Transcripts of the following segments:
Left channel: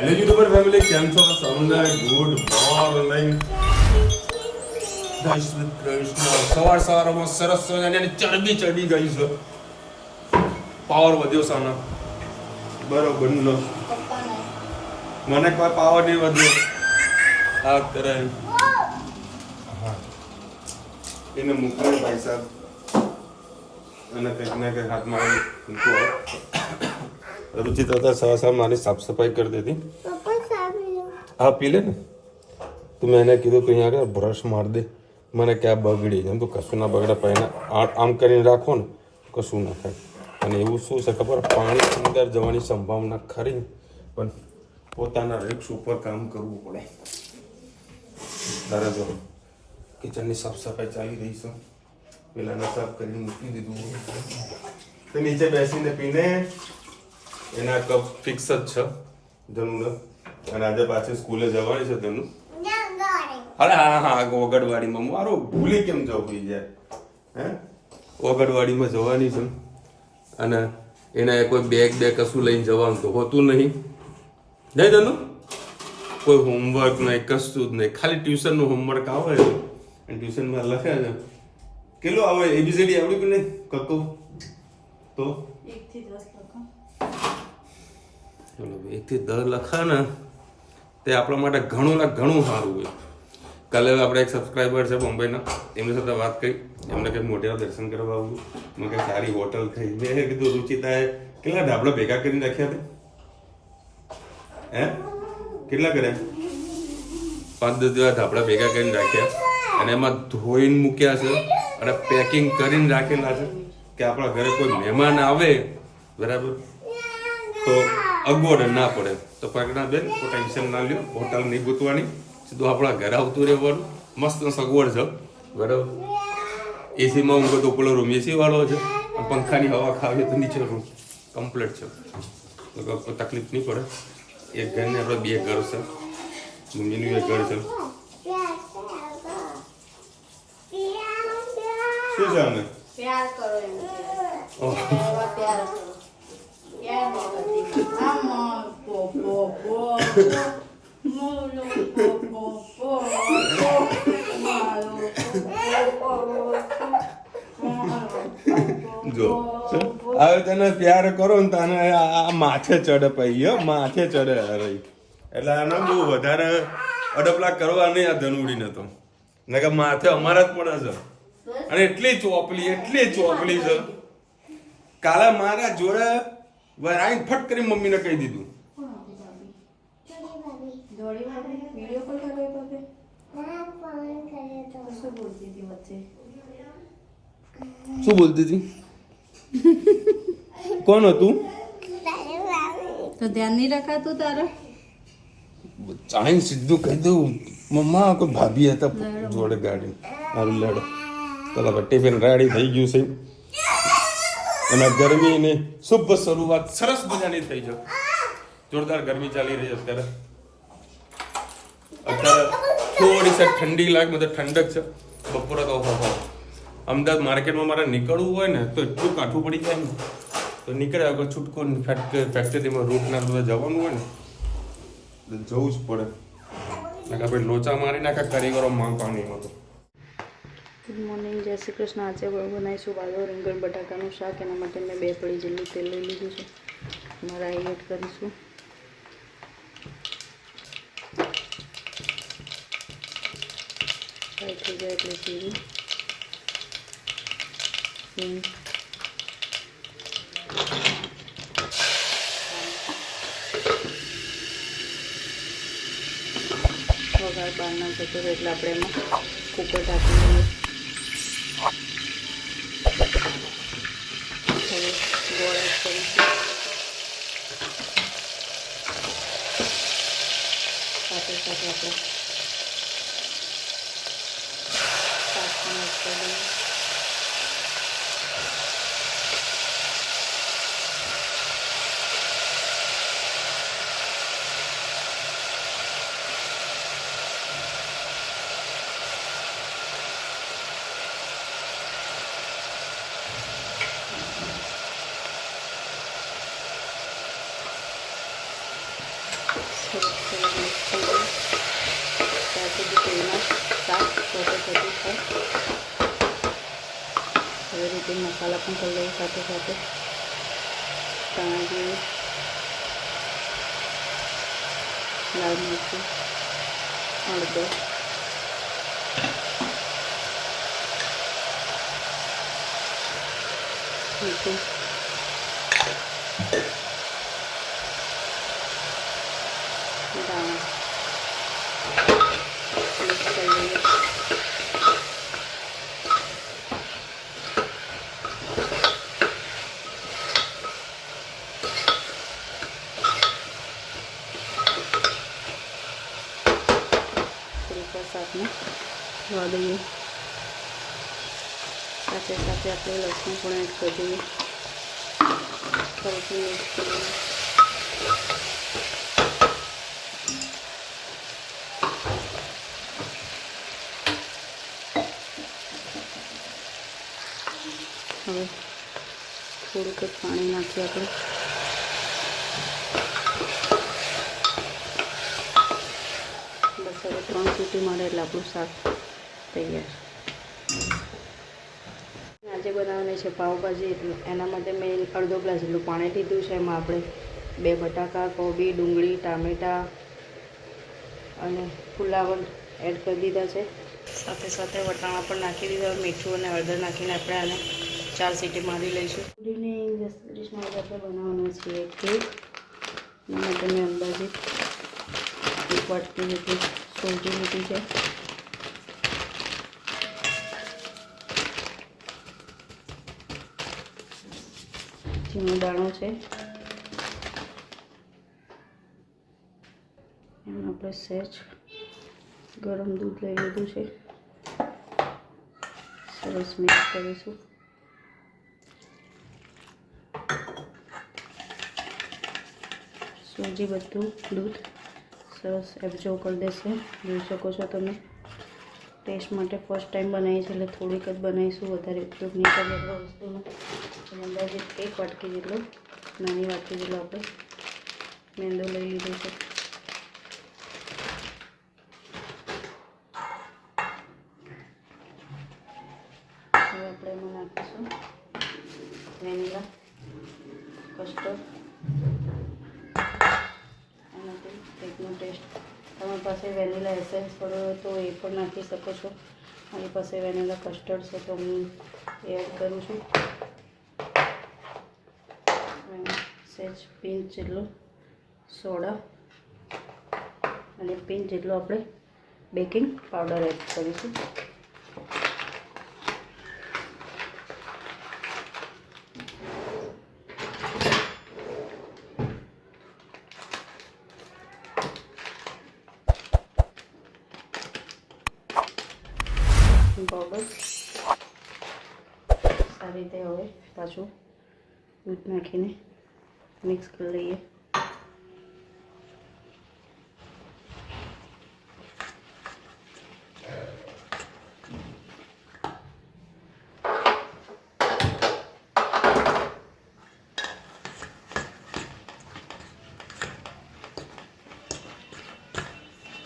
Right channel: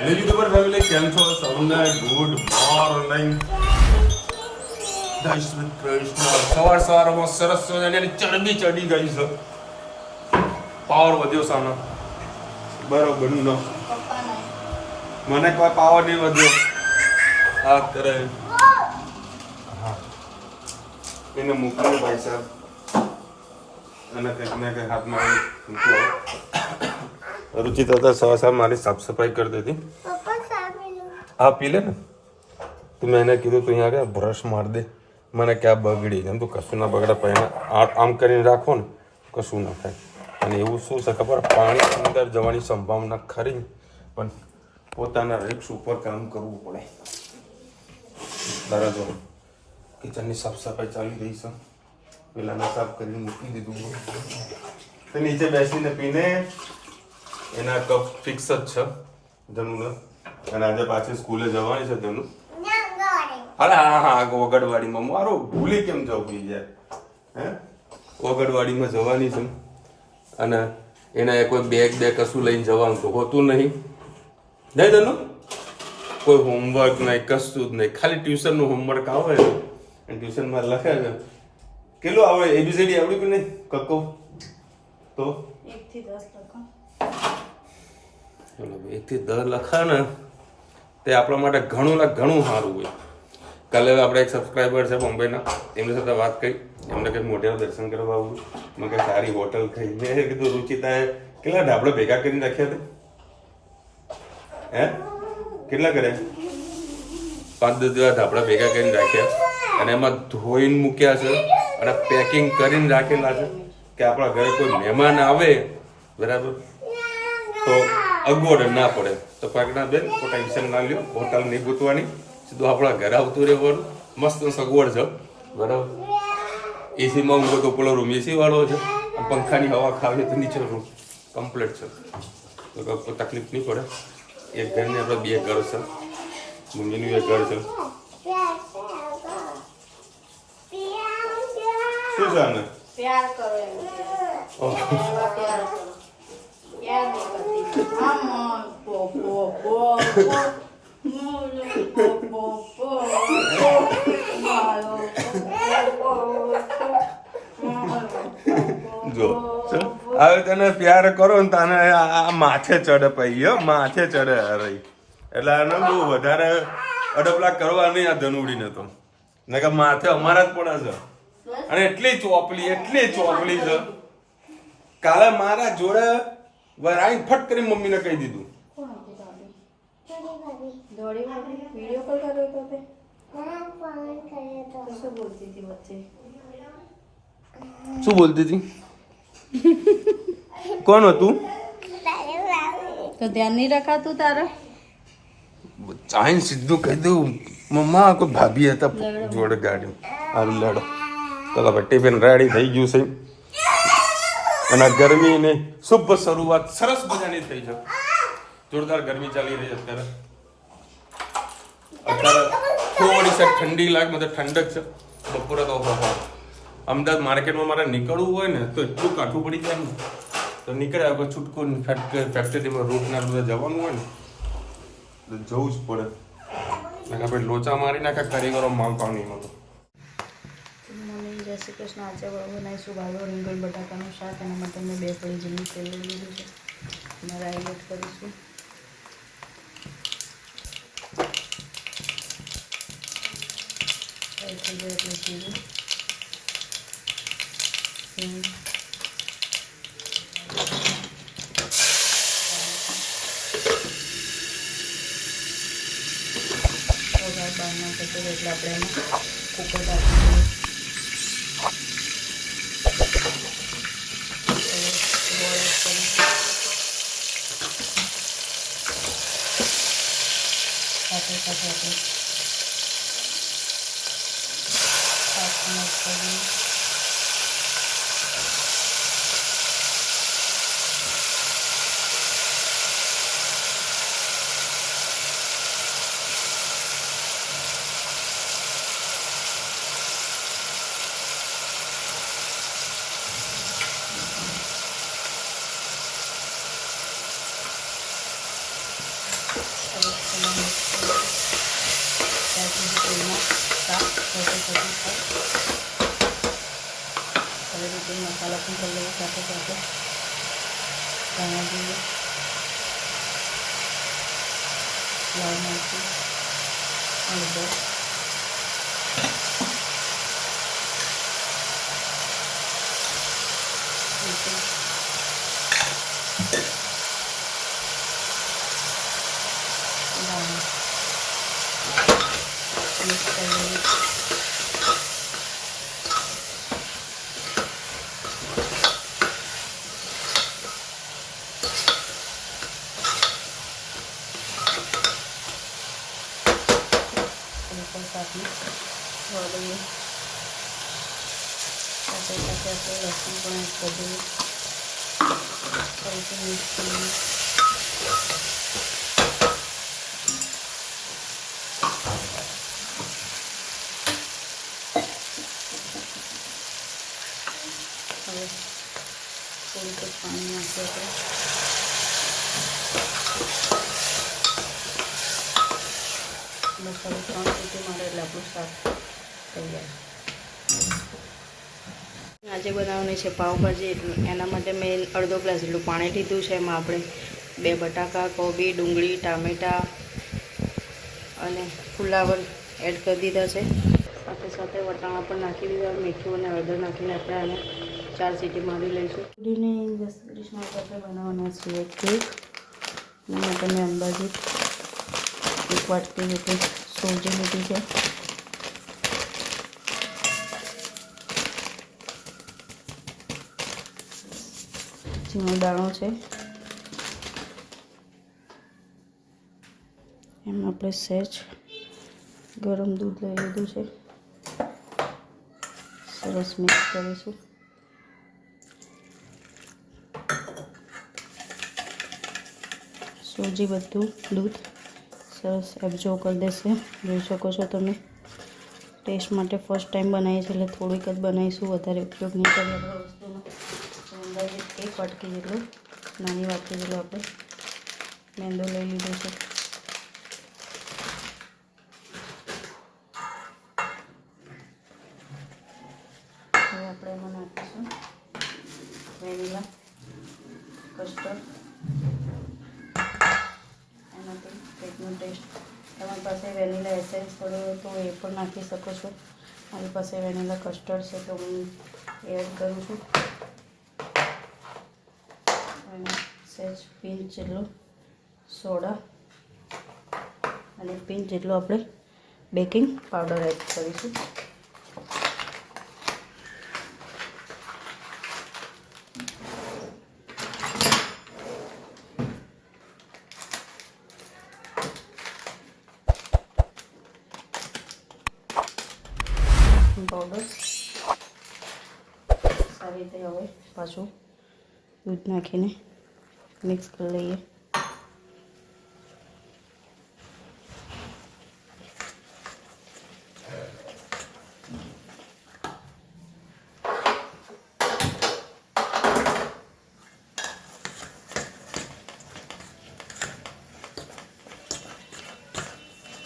Hello YouTuber family, કેમ છો? સૌને ગુડ મોર્નિંગ. જય શ્રી કૃષ્ણ. સવારમાં સરસ મજાની ચરબી ચડી ગઈ છે, પાવર વધ્યો સાનો બરોબર નો. મને કોઈ પાવર નહીં વધ્યો. હા કરે હા એને મૂકવું ભાઈ સાહેબ, અને કંઈક ને કંઈક હાથમાં મૂકવો. રુચિ તો સવાર મારી સાફ સફાઈ કરી દીધી. હા પી લે ને. તો મેં એને કીધું તું અહીંયા આગળ બ્રશ માર દે. મને ક્યાં બગડી જાય, તું કશું ના બગડે પણ આમ કરીને રાખો ને કશું ના થાય. અને એવું શું છે ખબર, પાણી અંદર જવાની સંભાવના ખરી, પણ પોતાના રિસ્ક ઉપર કામ કરવું પડે. તારે જો કિચનની સાફ સફાઈ ચાલી રહી છે, પેલાને સાફ કરીને મૂકી દીધું. તો નીચે બેસીને પીને એના કપ ફિક્સ જ છે ધનુને. અને આજે પાછી સ્કૂલે જવાની છે ધનુ. અરે હા ઓગણવાડીમાં મારો ભૂલી કેમ જવું પડી જાય હે. ઓગણવાડીમાં જવાની છે અને એના કોઈ બેગ કશું લઈને જવાનું તો હોતું નહીં ધનુ. કોઈ હોમવર્ક નહીં, કશું જ નહીં, ખાલી ટ્યુશનનું હોમવર્ક આવે અને ટ્યુશનમાં લખે છે. કેટલું આવે? એબીસીડી આવડ્યું કે નહીં કક્કો? તો 1 થી 10 લખો. ચલો 1 થી 10 લખા ને તે આપણા માટે ઘણું સારું હોય. કાલે આપણે એક સબસ્ક્રાઈબર છે બોમ્બેના, એમની સાથે વાત કરી. એમને કંઈક મોઢેરા દર્શન કરવા આવું, મેં કંઈક સારી હોટલ થઈ. મેં કીધું રુચિતાએ કેટલા ઢાબડા ભેગા કરીને રાખ્યા હતા હે? કેટલા કર્યા? 5-10 જેવા ઢાબડા ભેગા કરીને રાખ્યા અને એમાં ધોઈને મૂક્યા છે અને પેકિંગ કરીને રાખેલા છે કે આપણા ઘરે કોઈ મહેમાન આવે બરાબર તો અગવડ ના પડે. તો પગના બેન કોઈ ટેન્શન ના લ્યો, હોટલ નહીં ગોતવાની, સીધું આપણા ઘરે આવતું રહેવાનું. મસ્ત સગવડ છે બરાબર. એસીમાં ઊંઘો તો પેલો રૂમ એસી વાળો છે, પંખાની હવા ખાવી તો નીચે રૂમ કમ્પ્લીટ છે, તો કોઈ તકલીફ નહીં પડે. એક ઘરને આપણે 2 ઘર છે, મમ્મીનું 1 ઘર છે. શું છે આને? પ્યાર કરો એમ કે. ઓહ એવા પ્યાર કરો. પ્યાર ન કરતી. આમ પો પો પો મોલો પો પો પો મારો જો હવે તને પ્યાર કરો ને તને આ માથે ચડે પૈયો, માથે ચડે રહી. એટલે આને બહુ વધારે અડપલા કરવા નહીં આ ધનુડીને તો, ને કે માથે અમારા જ પડે છે. અને એટલી ચોપલી છે. કાલે મારા જોડે આવીને ફટ કરી મમ્મીને કહી દીધું. દોડી વિડિયો કોલ કર્યો તો તે? શું બોલતી હતી વચ્ચે? શું બોલતી હતી? કોણ હતું? તો ધ્યાન નહીં રખાતું તારે? ચાઈન સીધું કહી દઉં મમ્મા કોઈ ભાભી હતા જોડે ગાડી આવી લડો. તો ટિફિન રેડી થઈ ગયું છે અને ગરમીની શુભ શરૂઆત સરસ મજાની થઈ છે. જોરદાર ગરમી ચાલી રહી છે અત્યારે થોડી સર ઠંડી લાગે, મતલબ ઠંડક છે. બપોરે તો અમદાવાદ માર્કેટમાં મારે નીકળવું હોય ને તો એટલું કાઠું પડી જાય ને, તો નીકળ્યા વગર છૂટકું ફેક્ટરીમાં રૂટના બધા જવાનું હોય ને તો જવું જ પડે. આપણે લોચા મારી નાખે કારીગરો માલ પાણીમાં. તો ગુડ મોર્નિંગ, જય શ્રી કૃષ્ણ. આજે બનાવીશું ભાવો રીંગણ બટાકાનું શાક. એના માટે મેં 2 પડી જેટલું તેલ લઈ લીધું છે. રાઈ એડ કરીશું. રાઈ થઈ જાય એટલે જીરું, હિંગ, વઘાર બહાર નાખે છે એટલે આપણે એમાં કુકર ઢાંકીને સાથે આપણે તેલનું શાક સાથે થતું છે. આવી રીતે મસાલા પણ થઈ જાય સાથે સાથે ધાણા જીરું, લાલ મરચું, હળદર, મીઠું, ધાણા મિક્સ કરી દઈએ. શાકને ધોવા દઈએ. સાથે સાથે આપણે લસણ પણ એડ કરી દઈએ. ફરીથી મિક્સ કરીએ. હવે થોડુંક પાણી નાખીએ આપણે. બસ હવે 3 સીટી મારે એટલે આપણું શાક તૈયાર. આજે બનાવવાની છે પાવભાજી, એના માટે મેં અડધો ગ્લાસ જેટલું પાણી લીધું છે. એમાં આપણે 2 બટાકા, કોબી, ડુંગળી, ટામેટાં અને ફુલાવર એડ કરી દીધા છે. સાથે સાથે વટાણા પણ નાખી દીધા. મીઠું અને હળદર નાખીને આપણે આને 4 સીટી મારી લઈશું. પૂરીની ડિશમાં આપણે બનાવવાના છીએ કેક. એના માટે મેં અંદાજિત 1 વાટકી જેટલી સોજી લીધી છે. ઝીણો દાણો છે. એમાં આપણે સહેજ ગરમ દૂધ લઈ લીધું છે. સરસ મિક્સ કરીશું. સોજી બધું દૂધ સરસ એબ્ઝોર્બ કરી દેશે. જોઈ શકો છો તમે. ટેસ્ટ માટે ફર્સ્ટ ટાઈમ બનાવી છે એટલે થોડીક જ બનાવીશું, વધારે ઉપયોગ નહીં કરીએ આપણે વસ્તુનો. અંદાજે 1 વાટકી જેટલો, નાની વાટકી જેટલો આપણે મેંદો લઈ લીધો છે. હવે આપણે એમાં નાખીશું વેનીલા કસ્ટર્ડ. એનાથી કેકનો ટેસ્ટ, તમારી પાસે વેનીલા એસેન્સ પડ્યો હોય તો એ પણ નાખી શકો છો. મારી પાસે વેનીલા કસ્ટર્ડ છે તો હું એડ કરું છું. અને સહેજ પિંચ જેટલો સોડા અને પિંચ જેટલો આપણે બેકિંગ પાવડર એડ કરીશું. પાવડર સારી રીતે હવે પાછું દૂધ નાખીને મિક્સ કરી લઈએ.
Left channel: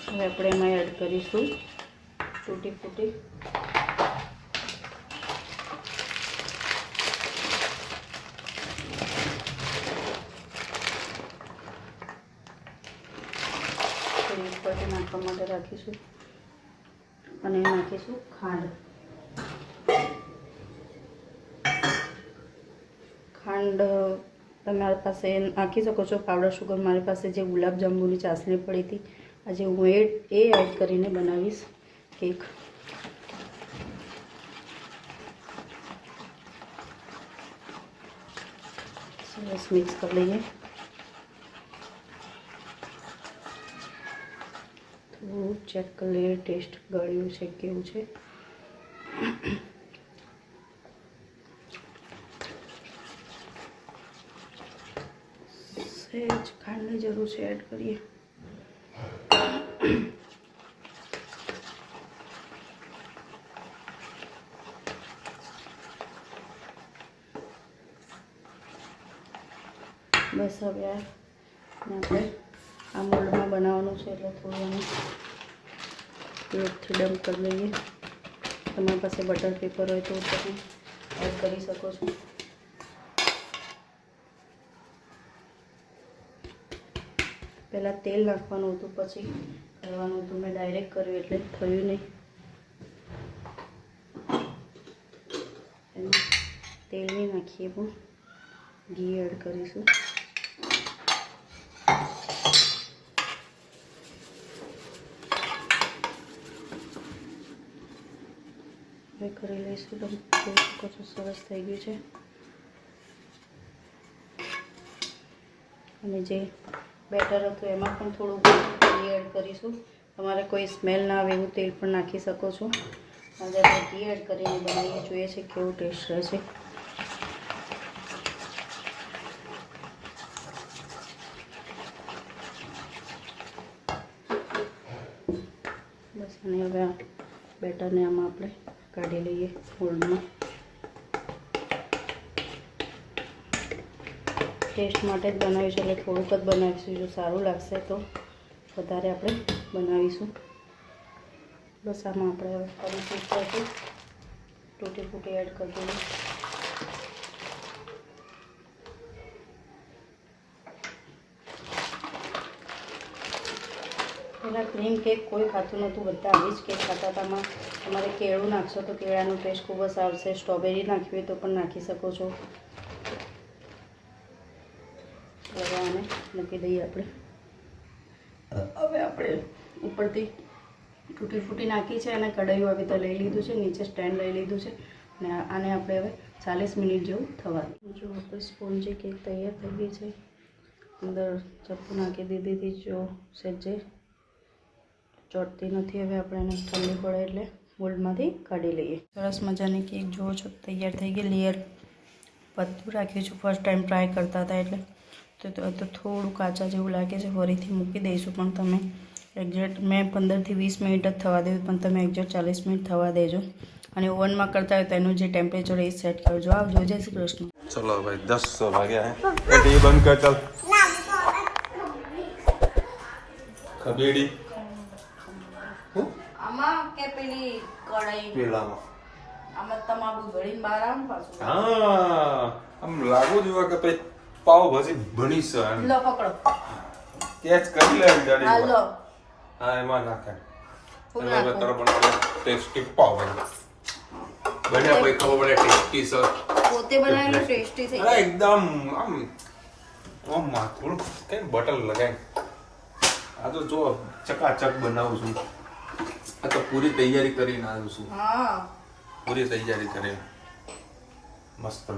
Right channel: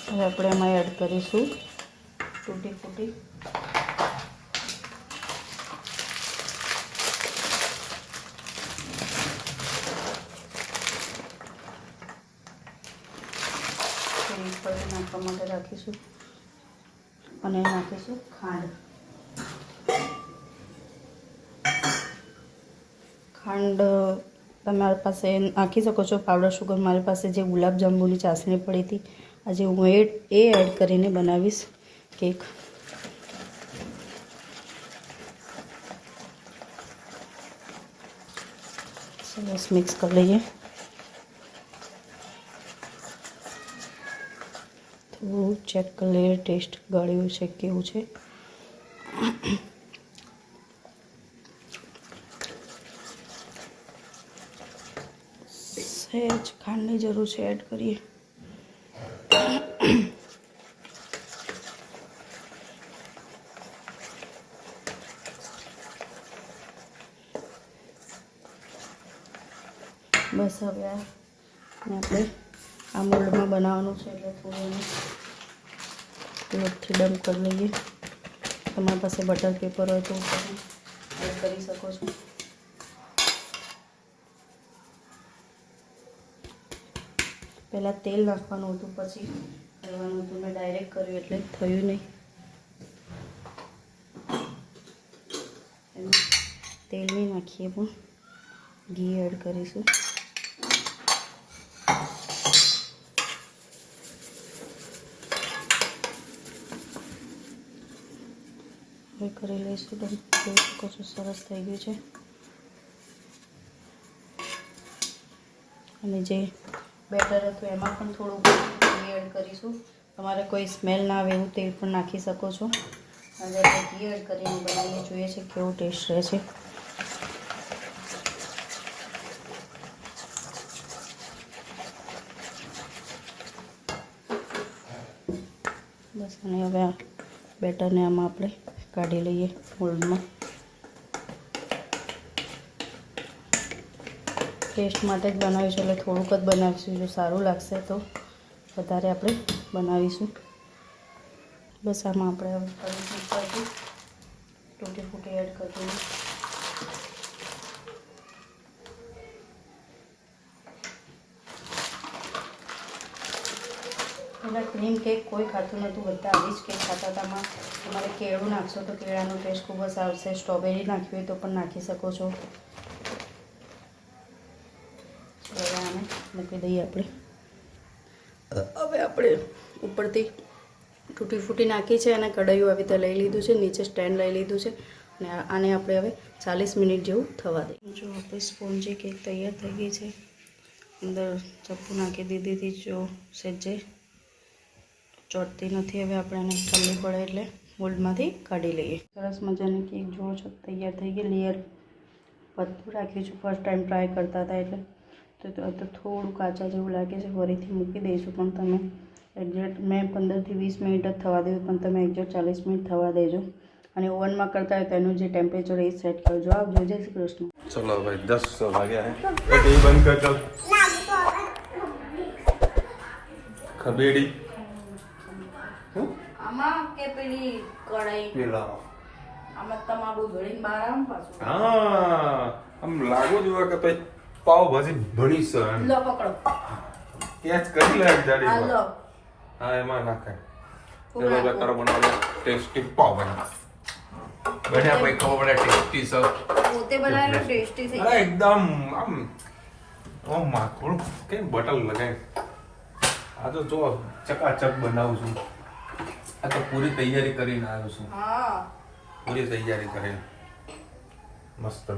હવે આપણે એમાં એડ કરીશું તૂટી ફૂટી. થોડી નાખવા માટે રાખીશું અને નાખીશું ખાંડ. ખાંડ તમારી પાસે નાખી શકો છો, પાવડર શુગર. મારી પાસે જે ગુલાબ જાંબુની ચાસણી પડી હતી, આજે હું એ એડ કરીને બનાવીશ કેક. સરસ મિક્સ કરી લઈએ. થોડું ચેક કરી લઈએ ટેસ્ટ ગળ્યું છે કેવું છે. સહેજ ખાંડની જરૂર છે, એડ કરીએ. બસ હવે આપણે આ મોલ્ડમાં બનાવવાનું છે એટલે થોડું લોટથી ડમ્પ કરી લઈએ. તમારી પાસે બટર પેપર હોય તો તમે એડ કરી શકો છો. પહેલાં તેલ નાખવાનું હતું, પછી કરવાનું હતું. મેં ડાયરેક્ટ કર્યું એટલે થયું નહીં. એમાં તેલ નહીં નાખીએ પણ ઘી એડ કરીશું. હવે કરી લઈશું. તમે જોઈ શકો છો સરસ થઈ ગયું છે. અને જે બેટર હતું એમાં પણ થોડું ઘી એડ કરીશું. તમારે કોઈ સ્મેલ ના આવે એવું તેલ પણ નાખી શકો છો. આજે આપણે ઘી એડ કરીને બનાવીએ, જોઈએ છે કેવો ટેસ્ટ રહે છે. બસ, અને હવે બેટરને આમાં આપણે કાઢી લઈએ મોલ્ડમાં. ટેસ્ટ માટે જ બનાવીશું એટલે થોડુંક જ બનાવીશું. જો સારું લાગશે તો વધારે આપણે બનાવીશું. બસ આમાં આપણે હવે ફરીથી ઉપરથી તૂટી ફૂટી એડ કરી દઈએ. પહેલાં ક્રીમ કેક કોઈ ખાતું નહોતું, બધા આવી જ કેક ખાતા હતા. તમારે કેળું નાખશો તો કેળાનો ટેસ્ટ ખૂબ જ આવશે. સ્ટ્રોબેરી નાખવી હોય તો પણ નાખી શકો છો. હવે આને મૂકી દઈએ આપણે. હવે આપણે ઉપરથી તૂટી ફૂટી નાખી છે અને કઢાઈઓ આવી તો લઈ લીધું છે, નીચે સ્ટેન્ડ લઈ લીધું છે. અને આને આપણે હવે 40 મિનિટ જેવું થવા દઈએ. જો આપણે સ્પોન્જી કેક તૈયાર થઈ ગઈ છે. અંદર ચપ્પુ નાખી દીધી હતી. જો સેજે ચોટતી નથી. હવે આપણે એને ઠંડી પડે એટલે મોલ્ડમાંથી કાઢી લઈએ. સરસ મજાની કેક જુઓ છો તૈયાર થઈ ગઈ. લેયર પતલું રાખ્યું છું, ફર્સ્ટ ટાઈમ ટ્રાય કરતા હતા એટલે. તો થોડું કાચા જેવું લાગે છે, ફરીથી મૂકી દઈશું. પણ તમે એક્ઝેક્ટ મેં 15 થી 20 મિનિટ જ થવા દેવું, પણ તમે એક્ઝેક્ટ 40 મિનિટ થવા દેજો. અને ઓવનમાં કરતા હોય તો એનું જે ટેમ્પરેચર એ સેટ કરજો. આવજો. જય શ્રી કૃષ્ણ. ચલો ભાઈ 10 વાગ્યા હે. એ ટીવી બંધ કર. ચાલ ખબેડી આમાં કે પેલી કઢાઈ પેલામાં આમાં તમારું ગળીને બહાર આમ પાછું. હા, આમ લાગો જોવા કે ભાઈ પાવ ભાજી ભણી છે એમ. લો પકડો. ત્યાં જ કરી લે દાડી. આ લો. હા, એમાં નાખાય. એટલે હવે તારો બનાવો ટેસ્ટી પાવ બન્યા ભાઈ. ખબર પડે ટેસ્ટી છે. પોતે બનાવેલું ટેસ્ટી થઈ અરે એકદમ આમ ઓમ માખણ કે બટર લગાઈ. આ તો જો ચકાચક બનાવું છું. આ તો પૂરી તૈયારી કરીને આવ્યો છું. હા, પૂરી તૈયારી કરીને મસ્ત.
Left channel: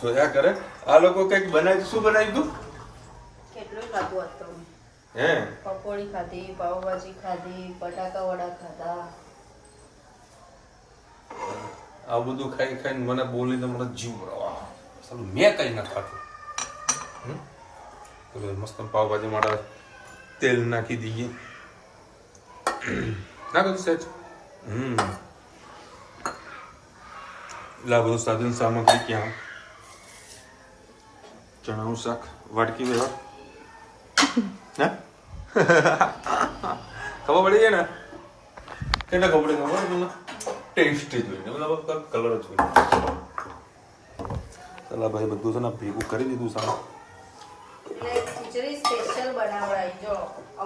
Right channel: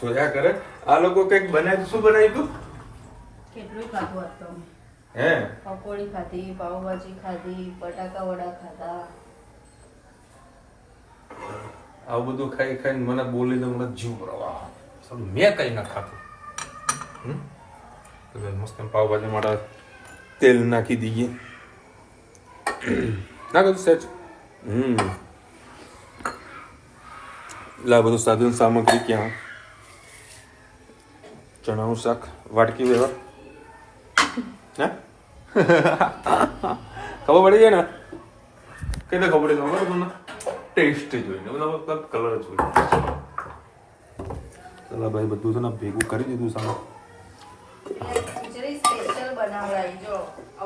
જોયા કરે આ લોકો કઈક બનાવ્યું. શું બનાવ્યું તું? કેટલું ખાધું હતું. હે, પકોડી ખાધી, પાવભાજી ખાધી, બટાકા વડા ખાધા. આવું બધું ખાઈ ખાઈને મને બોલીને મને જીવ પ્રવાહ. સાલું મેં કઈ ના ખાતું. મસ્ત પાવભાજી માટે તેલ નાખી દઈએ. નાખો સેજ. લા બધું સાધન સામગ્રી ક્યાં? ચણાનું શાક વાટકી વેવા. હે ખબર પડી જાય ને? કેટલે ખબર પડી? ખબર મને ટેસ્ટ જોઈને બધા કલર જોઈને. ચલા ભાઈ બધું છે ને ભેગું કરી દીધું સામે. ખીચડી સ્પેશિયલ બનાવડાવી જો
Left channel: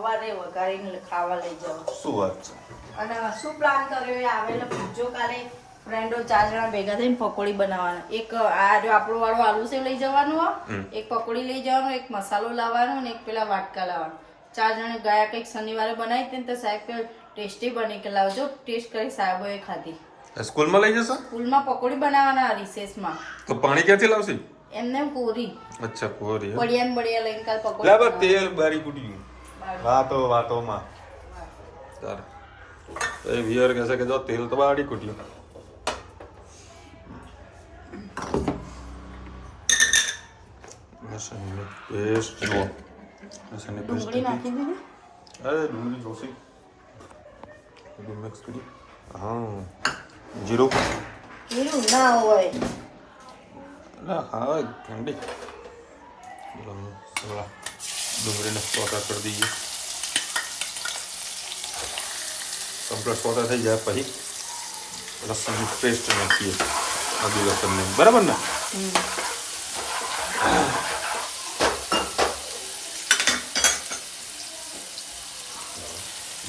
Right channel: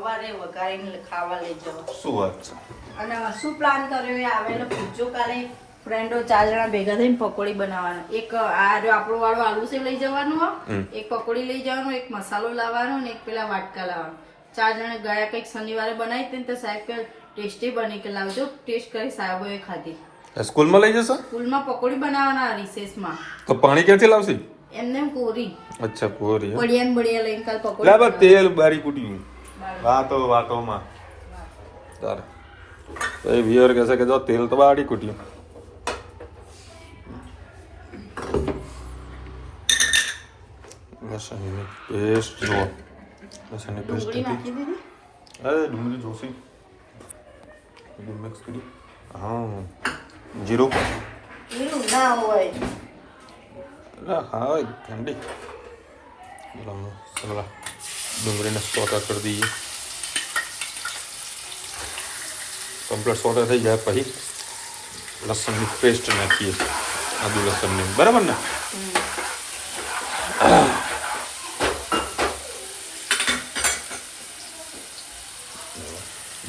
અવારે વઘારીને ખાવા લઈ જાઓ. શું વાત છે? અને શું પ્લાન કર્યો એ આવેલો પૂછજો. કાલે ફ્રેન્ડો 4 જણા ભેગા થઈને પકોડી બનાવવાના. એક આ જો આપણો વાળો આલુ સેવ લઈ જવાનું, એક પકોડી લઈ જવાનું, એક મસાલો લાવવાનો અને એક પેલા વાટકા લાવવાનો. 4 જણે ગયા કંઈક શનિવારે બનાવી હતી તો સાહેબ કે ટેસ્ટી બની કે લાવજો. ટેસ્ટ કરી સાહેબોએ ખાધી. સ્કૂલમાં લઈ જશો? સ્કૂલમાં પકોડી બનાવવાના રિસેસમાં. તો પાણી ક્યાંથી લાવશે? એમને પૂરી. અચ્છા પૂરી. બળિયા લઈને કાલ પકોડી. લા તેલ બારી કુટી વાતોમાં તાર તો એ વિયર કહેશે કે જો તેલ તો બારી કુટ્યું. લસણની પેસ્ટ જુઓ. લસણની પેસ્ટ અરે ડુંગળી જોશી બધું મિક્સ કરી. હા, જીરું ના હોય. હા ઠંડી. સમલા ડુંગળીને સોટા કરી દઈએ. કમ્પ્લીટ સોટા થઈ જાય પછી લસણની પેસ્ટ નાખીએ, આદુ લસણની, બરાબર ને?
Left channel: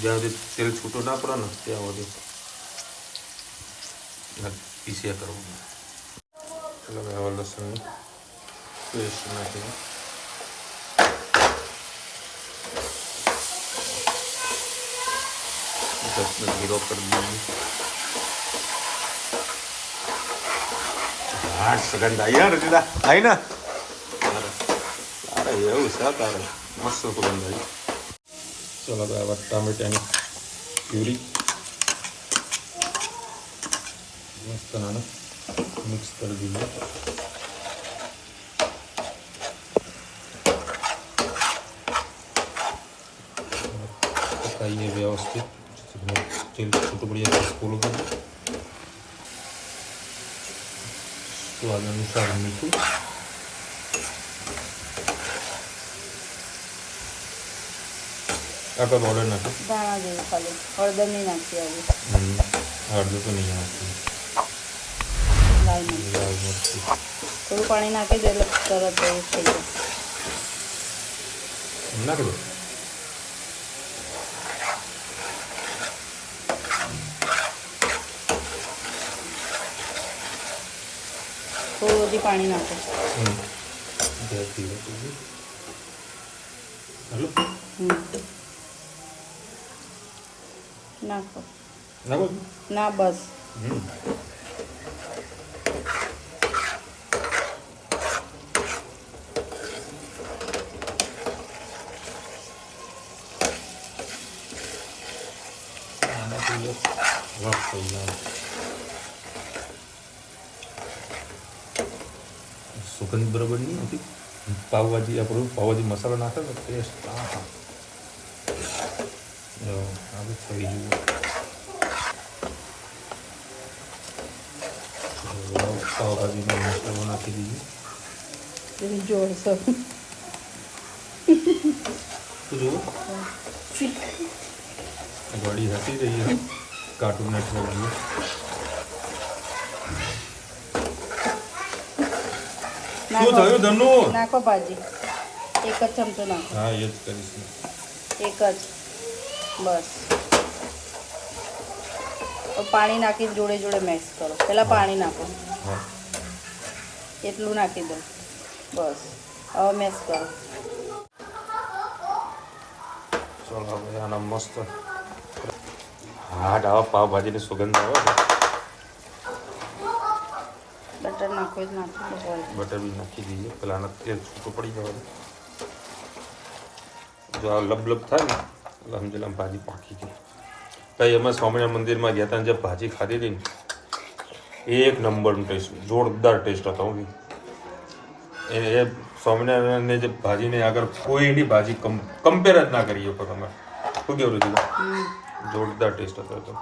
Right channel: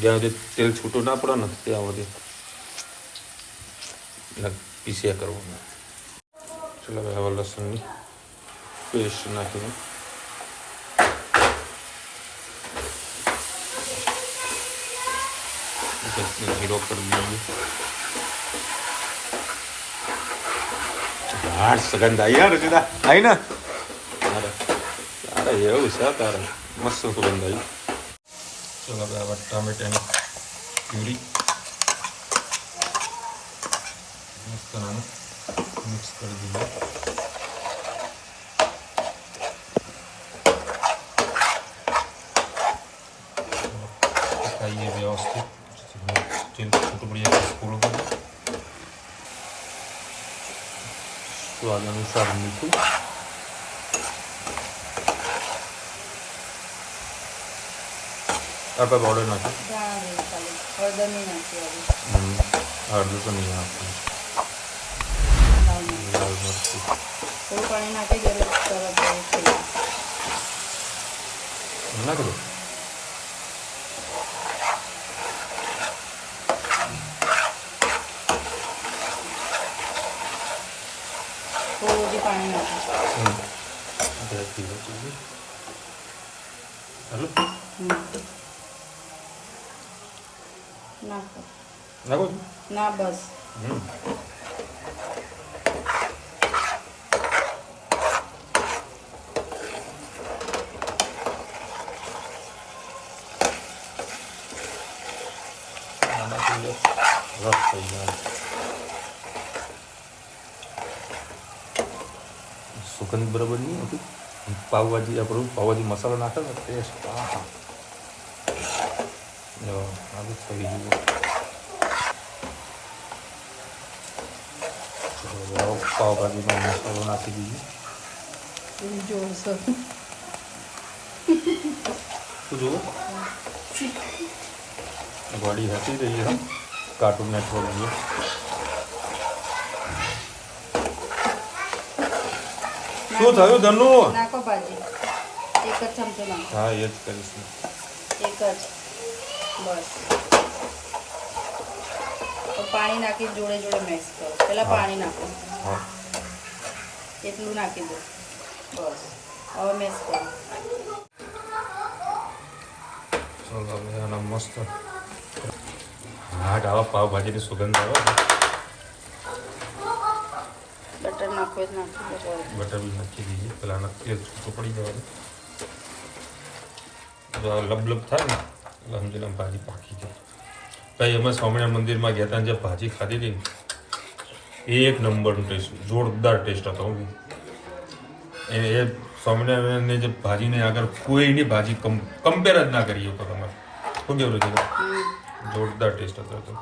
જ્યાં સુધી તેલ છૂટું ના પડે ને ત્યાં સુધી પીસ્યા કરવાનું. ચલો હવે લસણની પેસ્ટ નાખીને જીરો કરી દઈએ. હાડ સગંધ આવી યાર રચિતા, આવી ને? તારે એવું છે, તારે મસ્ત સુગંધ આવી. ચલો હવે ટામેટાની પ્યુરી મસ્ત નાના મિક્સ કરી દઈએ. પકાઈએ વ્યવસ્થિત, તેલ છૂટું પડી જાય સ્કૂલ ઉપર. સ્વાદ અનુસાર મીઠું, આપણે પાવડર નાખો. હળદર નહીં નાખી, હળદર તો નહીં નાખી. થોડું પાણી નાખી દે એટલે તરત થઈ જાય. નાખી દો. થોડું હજી પાણી નાખો. નાખો ના, બસ. સુગંધ બરાબર નહીં હતી. પાવભાજી આપણું પાવભાજી મસાલો નાખે ને ટેસ્ટ થઈ ગયું. પાવભાજીનો મસાલો નાખી દઈએ. જોરશો ગાડી હતી ગઈ, કાર્ટૂન નાખવા લાગીએ. શું થયું ધનુ? નાખો ભાજી, એક જ ચમચો નાખો. હા, એ જ કરીશ. એક જ, બસ. પાણી નાખી જોડે જોડે મિક્સ કરો. પહેલા પાણી નાખો, એટલું નાખી દો, બસ. હવે મિક્સ કરો. ચલો હવે આનો મસ્ત હા આવા પાવભાજીની સુગંધ આવે. બટર નાખો જ નાખી દો. બટર નાખી દઈએ, પેલા તેલ છૂટું પડી જાય. જો આ લબલબ થાય ને એટલે સમજીને ભાજી પાકી ગઈ. ભાઈ અમે સ્વામિનારાયણ મંદિરમાં ગયા હતા, જે ભાજી ખાધી હતી ને એક નંબરનો ટેસ્ટ, જોરદાર ટેસ્ટ હતો. એ સ્વામિનારાયણને જે ભાજીને આગળ કોઈની ભાજી કમ્પેર જ ના કરીએ તો તમે શું કેવું નથી? જોરદાર ટેસ્ટ હતો.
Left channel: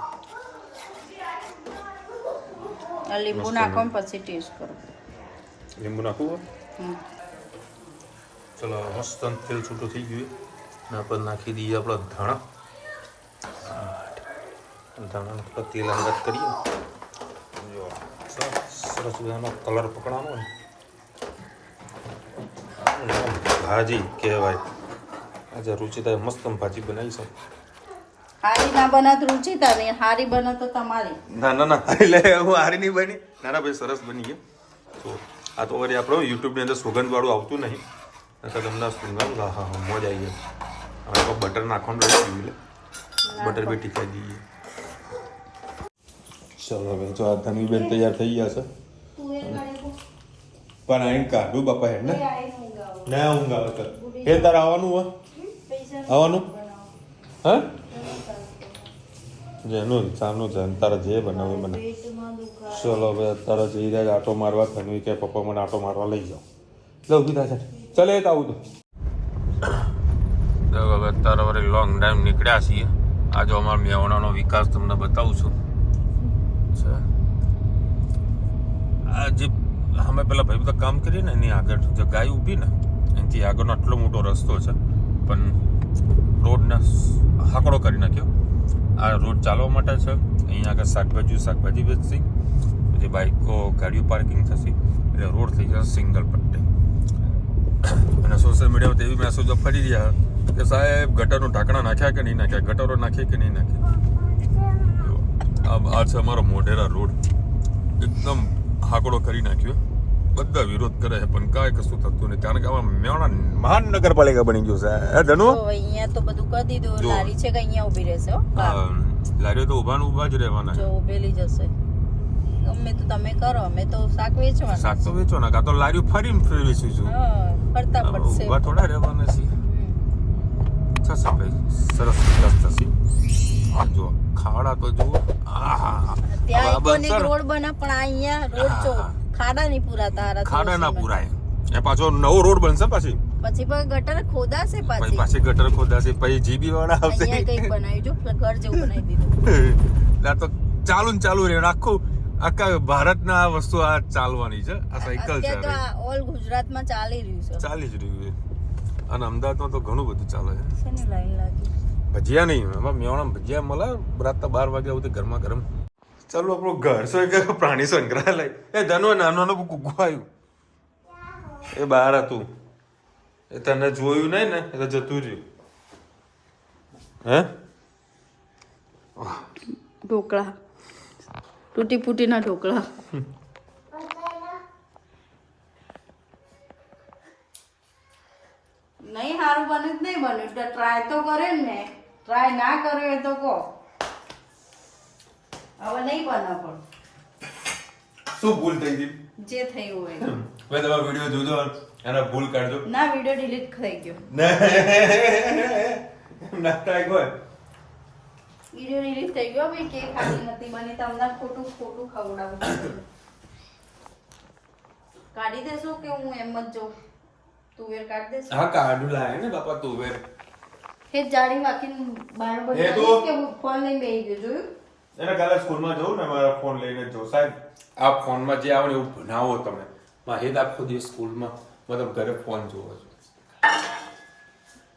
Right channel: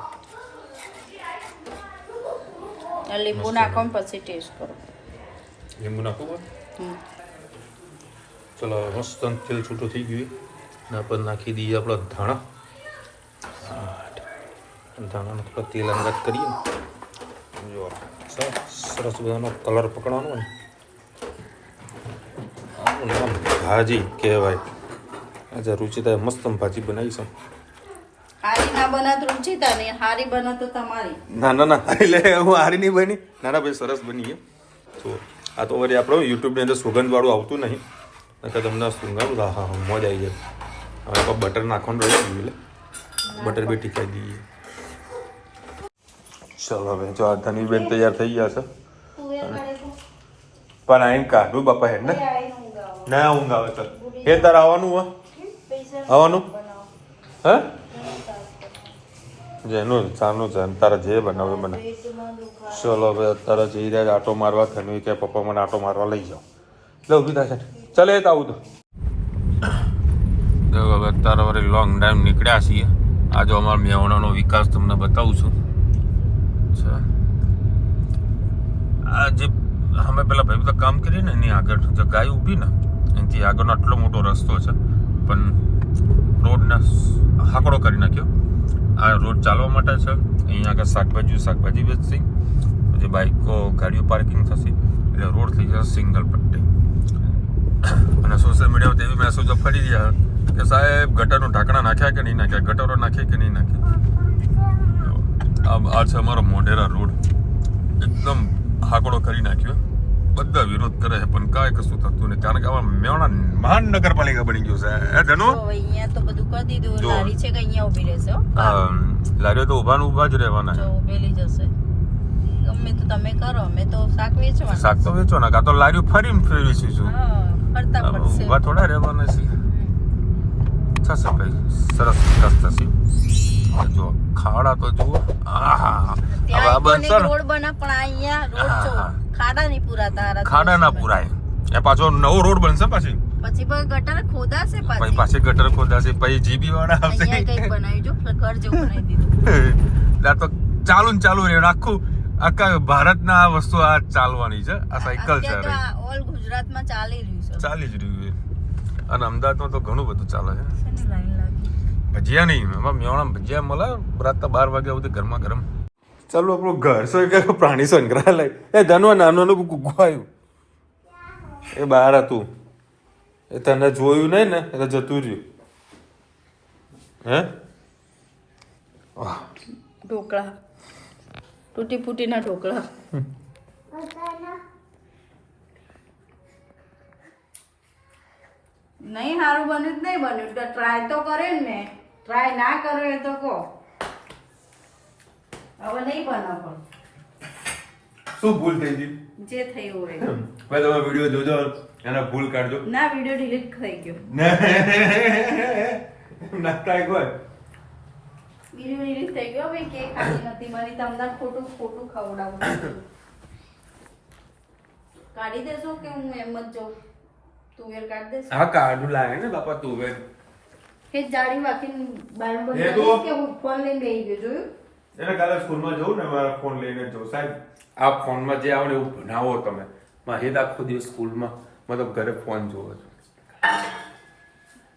લીંબુ નાખો ને પછી ટેસ્ટ કરો. લીંબુ નાખવું? ચલો મસ્ત તેલ છૂટું થઈ ગયું ને આપણે નાખી દઈએ આપણા ધાણા. ધાણાને થોડા તેલ અંગાત કરીએ. જો સરસ બધાનો કલર પકડવાનો હોય. આનું નામ ભાજી કહેવાય. આજે રુચિતાએ મસ્ત ભાજી બનાવી છે. હારી ના બનાત રુચિતા ને હારી બનો તો તમારી. ના ના ના, એટલે હું હારી નહીં બની. ના ના ભાઈ, સરસ બની છે. તો આ તો વળી આપણે યુટ્યુબની અંદર સુગંધવાળું આવતું નહીં, નકર તમને સુગંધ હા હા મોજ આવી જાય. હવે તો બટર નાખવાનું રહી ગયું એટલે બટર બી ટીકાઈ દઈએ. ચલો હવે જો આ ધનવીબેન તૈયાર થઈ ગયા છે. પણ અહીં કાઢું બાપા હેડ ને ના ઊંઘ આવે તો એ તારે આવવાનું હોય? આવવાનું હા? જેનું સાનું છે તારે જે બનાવે બને. ચલો હવે અત્યારે જઈ રહ્યા આટો મારવા. ધનવી કે પપ્પા મને આટો મારવા લઈ જાઓ. એટલે ઊભી થાય છે. ચાલે એ તો આવું તો હવે અત્યારે વળી લોંગ ટાઈમ નીકળ્યા છીએ. આ જો અમારા મેવણાનો વિકાસ તમને બતાવું છું. આ જે અમે પેલા ભાઈ બધા કામ કરીએ ને એની આગળ જે ગાય ઊભી ને એનાથી આગળનો આટલો મોટો રસ્તો છે. પણ રોડને હાકડો કરી નાખ્યો. આ રોડ ચાલવા માટે છે. અહીંયા આગળ શાકભાજી વેચશે, પછી બાઇકો ગાડીઓ પાર્કિંગ થશે, એટલે રોડ થઈ જશે સિંગલ પટ્ટી. અને સોશિયલ મીડિયામાં એવી મેસેજો ફરી રહ્યા કે સાહેબ ગટરનું ઢાંકણા નાખ્યા કે નહીં નાખ્યા, ગટરો નાખે કે નહીં નાખ્યા. આ છે અમારો મોઢેરા રોડ, એકદમ હાકડો કરી નાખ્યો. બધા વિરોધ કરે છે પણ કાંઈ કશું થતું નહીં, કારણ કે આમાં મેવાડા મહાનગરપાલિકા બની ગયું છે. ધનુ અહીંયા તો બધું કરી દીધું. લારી છે કે અહીંયા ઊભી રહેશે? હા, લારીઓ તો ઊભા જ રહેવાના છે. ઊભેલી જશે. ગમે તો તમે કરો, અમે તો શાક વેચવાના. શાક તો વેચવાના, કાં તો લારીઓ ફેરવીશું છું. ફરતા પડશે. ઊભા થોડા રહેવાના છે. થશે કઈ સરસ વિકાસ થશે. જો ખાડા તો જુઓ. રોડ બને પણ અહીંયા રોડ જો ખાડા નહીં પૂરાતા. ખાડા ના પૂરાય. એ પાછો નવો રોડ બનશે પછી ગટર ખોદાશે. પાછી ગટર ખોદાશે, પછી જીબી વાળા આવશે. કંઈક બનાવી જો, ઘર જેવું બનાવી દીધું. તો ચાલુ રહે આખું. આખા ભારતના આ વસ્તુ આ ચાલવાની છે. આ સાયકલ છે, ઓલ ગુજરાતમાં ચાલી જ રહ્યું છે. અને અમદાવાદમાં તો ઘણું બધું ચાલે છે. લાઈન લાગી. ભજીયા નહીં, એમાં મેવાણા ભજીયા મળે રાતના 12 વાગ્યા સુધી ગરમા ગરમ. ચાલો આપણું ઘર કે પ્રાણી સંગ્રહાલય. એ ધનવા નાનું ગુગ્ગુ આવ્યું, એ બહાર હતું. એ તને જોયું નહીં ને એટલે જતું રહ્યું. હે ઢોકળા, તૂટી ફૂટીના ઢોકળા. નહીં સારું બન્યું જ નહીં બન્યું તો ટ્રાય તો કરે ને. ટ્રાય ના કરે તો કહો. હવે નહીં બનાવ પણ શું ભૂલ થઈ ગઈ? જે થયું હોય. ભાઈ તમે વિડીયો જોજો, એના ભૂલ કાઢજો. ના, વિડીયો ડિલીટ થઈ ગયો. ના કાંઈ કોઈ વિડીયો ડિલીટ થઈ ગયો. ભાઈ કેક ખાલી નથી બની, તમને ખોટું ખવડાવું. કાઢી દેશો કે હું એમ જ જાઉં? તુવેર કાઢી દેશો? હા, કાઢું લાય ને બાપા તુવેર. એ જાડી વાકીને બારણું બંધ એ તો- કરીશ કે હું ફોન લઈને બેસી ગયો? જોયું? એને કાલે સ્કૂલમાં જવું ને, મારા ફોન લઈને જો સાહેબ આ ફોનમાં જે આવે ને એવું ભણાવો તમે. માહિત આખો દિવસ સ્કૂલમાં મતલબ ઘરે ફોન જોવો છો.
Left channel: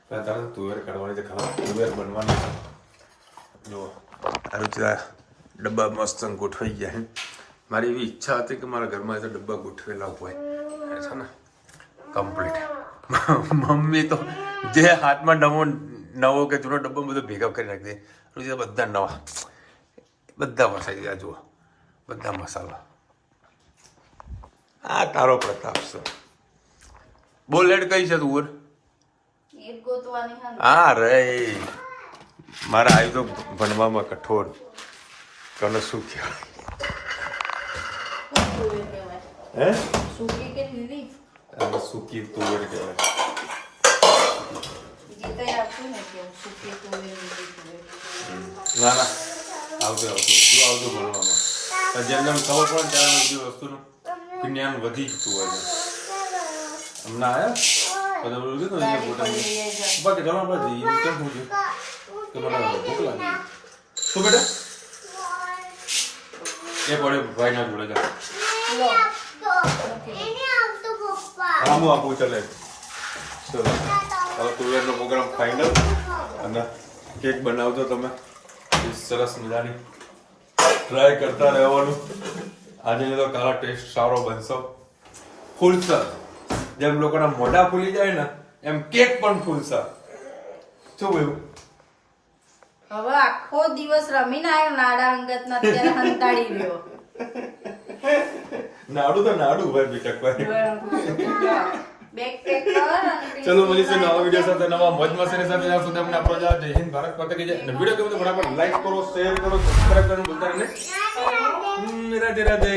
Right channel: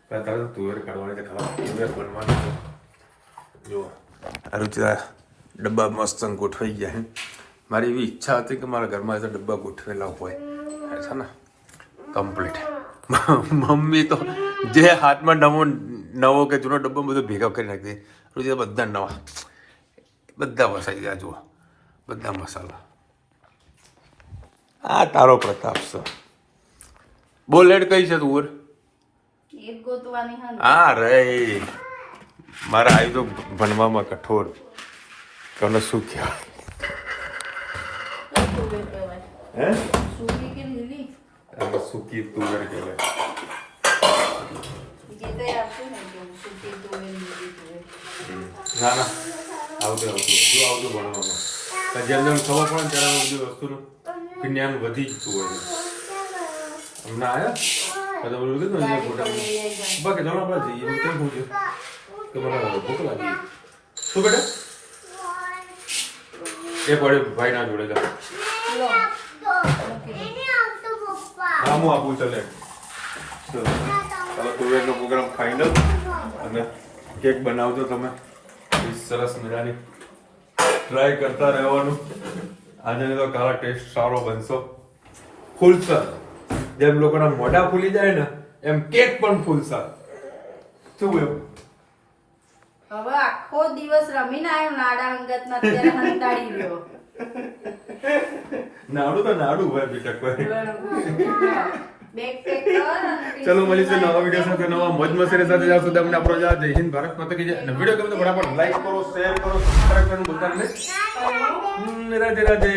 તારે તો તુવેર કાઢવાની છે, ખબર તુવેર બનવાની છે. જુઓ આ ડબ્બા મસ્ત ગોઠવાઈ ગયા. મારી એવી ઈચ્છા હતી કે મારા ઘરમાં એ ડબ્બા ગોઠવેલા હોય છે ને કમ્પ્લીટ. મમ્મી તો જે હાથમાં નવો કે જૂનો ડબ્બો બધો ભેગા કરી નાખી દે. બધા નવા, બધા વસાઈ ગયા. જુઓ બધા મસાલા. આ તારો પ્રતાપ છે. બોલ લેડ કઈ છે તું? એક ગોતવાની હા. હા રે, મારા આવી તો ભણવામાં કઠોર. તને શું કહેવાય? હે સુકી કે લીલી? આને સૂકી તુવેર કહેવાય. જે તે આપું ને કે સુકી તુવેર લીલી તુવેર. ના ના, આવતું ભણવામાં. જેમ જેમ ખબર પડે ને ત્યારે બધી વસ્તુનું જ્ઞાન વધી જતું હોય છે. હમણાં આવ્યા બધા બોલું કીધું ને ફોટા બાકી જણા આપણે જઈએ એમ કેમ પૂછ્યું કે મને ભૂખ લાગી. શું બેટા એ પડે ભાઈ ના જોડે જા. હા હું આપું ચાલે. ચલો ચાલો તુવેરનો પ્રોગ્રામ ફાઇનલ. અને કેક બનાવજો તમે સરસ મજાની. ટ્રાય કરતા રહેવાનું. આજે તો કાલા ટેસ્ટ સારો બનશો. ફૂલશે જેમ લોકોના મોઢા ફૂલી જાય ને એમ કેક પણ ફૂલશે. શું બોલ્યું? હવે આખો દિવસ રમીને આવ્યો નાડા અંગત ના, અત્યારે કંટાળી ગયો. નાડું તો નાડું ભાઈ બીટક ભાઈ. બેગ પેક કર અને ચલો મળીશું નવા વિડીયો સાથે, નવા મજ મસ્તીની સાથે. જ્યાં સુધી અમને આપણો જય હિન્દ, ભારત માતા કી જય. અને વિડીયો ગમે તો ફટાફટ લાઈક કરો, શેર કરો, સબસ્ક્રાઇબ કરવાનું ભૂલતા નહીં. રાધે રાધે.